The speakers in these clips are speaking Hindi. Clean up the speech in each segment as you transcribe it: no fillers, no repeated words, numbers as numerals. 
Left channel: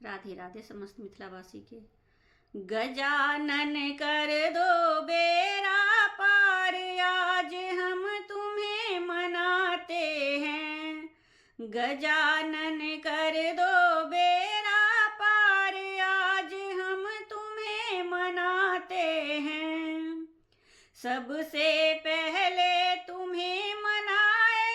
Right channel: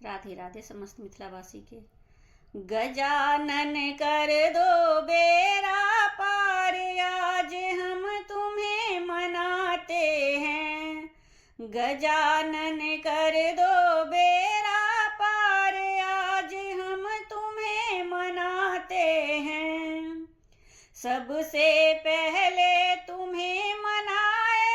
राधे राधे समस्त मिथिलावासी के। गजानन कर दो बेड़ा पार, आज हम तुम्हें मनाते हैं। गजानन कर दो बेड़ा पार, आज हम तुम्हें मनाते हैं। सबसे पहले तुम्हें मनाए,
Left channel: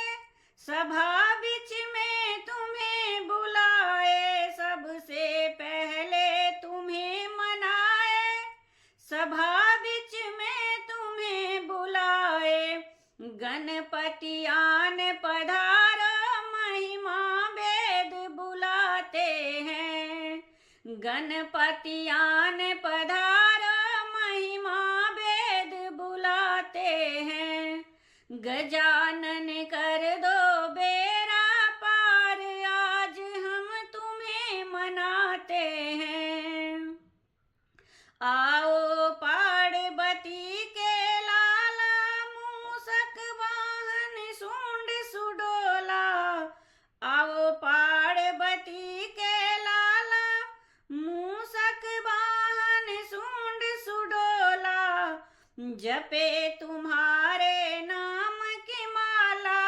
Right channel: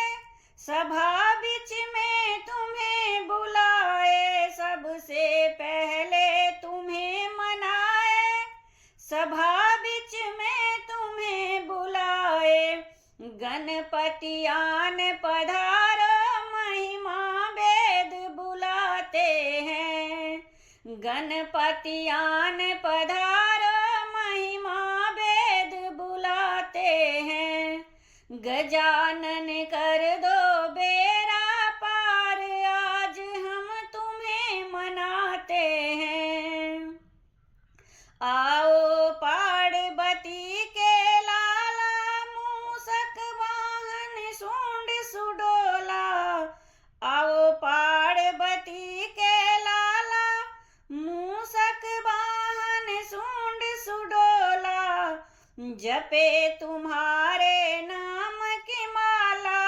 सभा बीच में तुम्हें बुलाए। सबसे पहले तुम्हें मनाए, सभा बीच में तुम्हें बुलाए। गणपति आन पधारो, महिमा वेद बुलाते हैं। गणपति आन पधारो, महिमा वेद बुलाते हैं। गजानन कर दो बेड़ा पार, आज हम तुम्हें मनाते हैं। आओ पार्वती के लाला, मूषक वाहन सूंड सुडोला। आओ पार्वती के लाला, मूषक वाहन सूंड सुडोला। जपे तुम्हारे नाम की माला,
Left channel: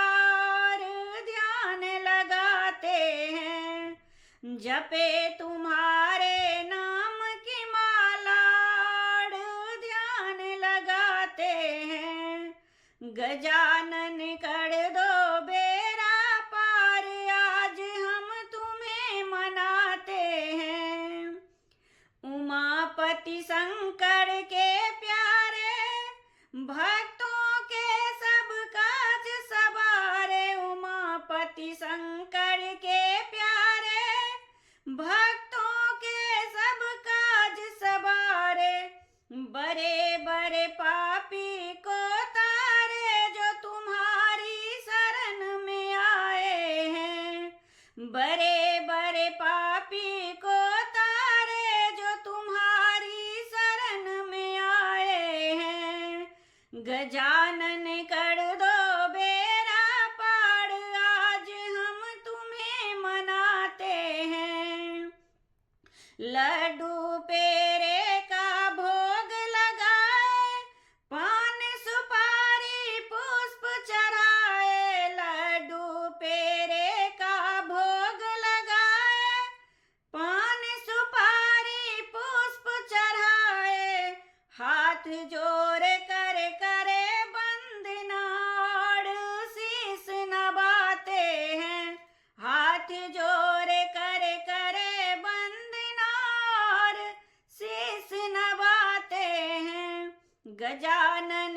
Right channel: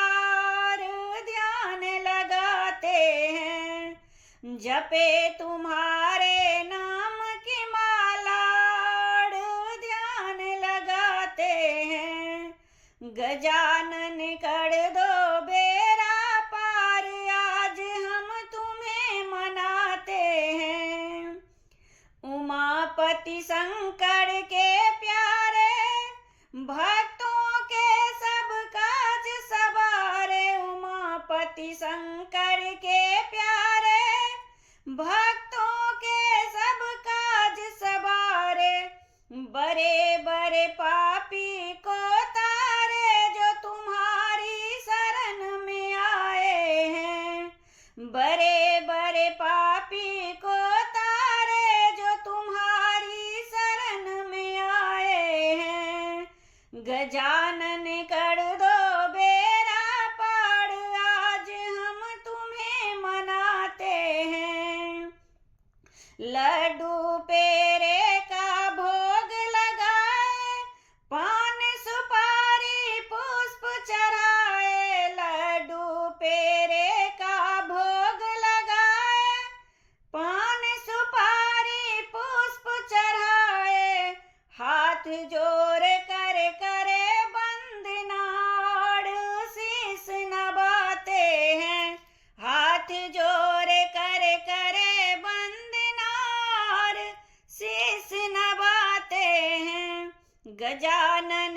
ध्यान लगाते हैं। जपे तुम्हारे नाम की माला, ध्यान लगाते हैं। गजानन कर दो बेड़ा पार, आज हम तुम्हें मनाते हैं। उमापति शंकर के प्यारे, भक्तों के सब काज सवारे। उमापति शंकर के प्यारे, भक्तों के सब काज सवारे। बड़े बड़े पापी को तारे, जो तुम्हारी शरण में आए हैं। बड़े बड़े पापी को तारे, जो तुम्हारी शरण में आए हैं। गजानन कर दो बेड़ा पार, आज हम तुम्हें मनाते हैं। लड्डू पेड़े का भोग लगाए, पान सुपारी पुष्प चढ़ाए। लड्डू पेड़े का भोग लगाए, पान सुपारी पुष्प चढ़ाए। हाथ जोड़ कर करे वंदना, शीस नवाते हैं। हाथ जोड़ कर करे वंदना, शीस नवाते हैं। गजानन